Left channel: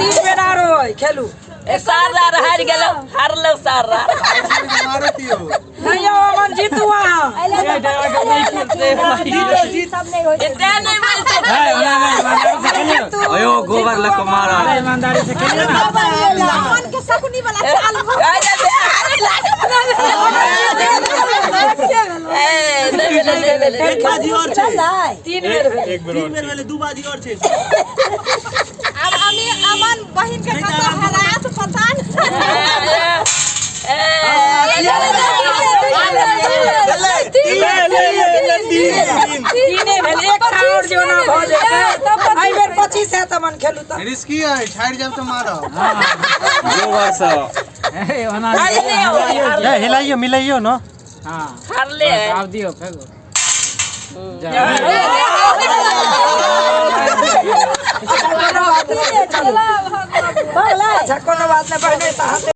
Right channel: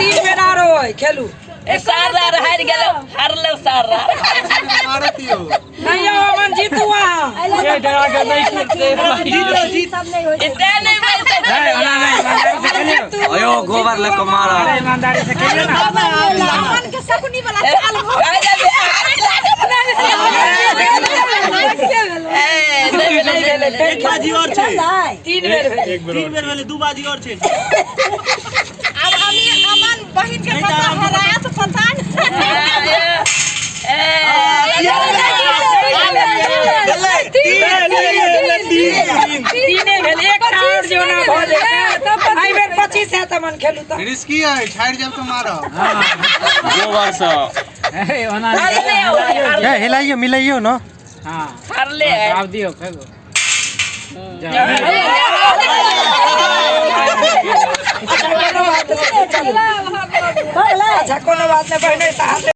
तीन बेर आरो खेलू सारा हार गेलो हारलो सारा नहीं अमन जीतू वहां ये डरा के नहीं खेलते सब नहीं हो इतना नहीं बोलते अयो गोबर लको मारा ईमानदारी से खेलिए ना मन के सकुनी वाला चाल एक बाजी और छे तीन बेर तीन बेर वाले दो बाजी और छे अब अमन बहिन के पता हराया तो पता तीने भेल एक और जो ना भ जेते आई बेर 25 है तमन खेलू त रिस्की है छाड़ जब तो मारो गोबर से ए ओना हिलाइयो मिलाइयो न हां हार ले आप दियो फेंको अच्छा कोनो बात नहीं बहने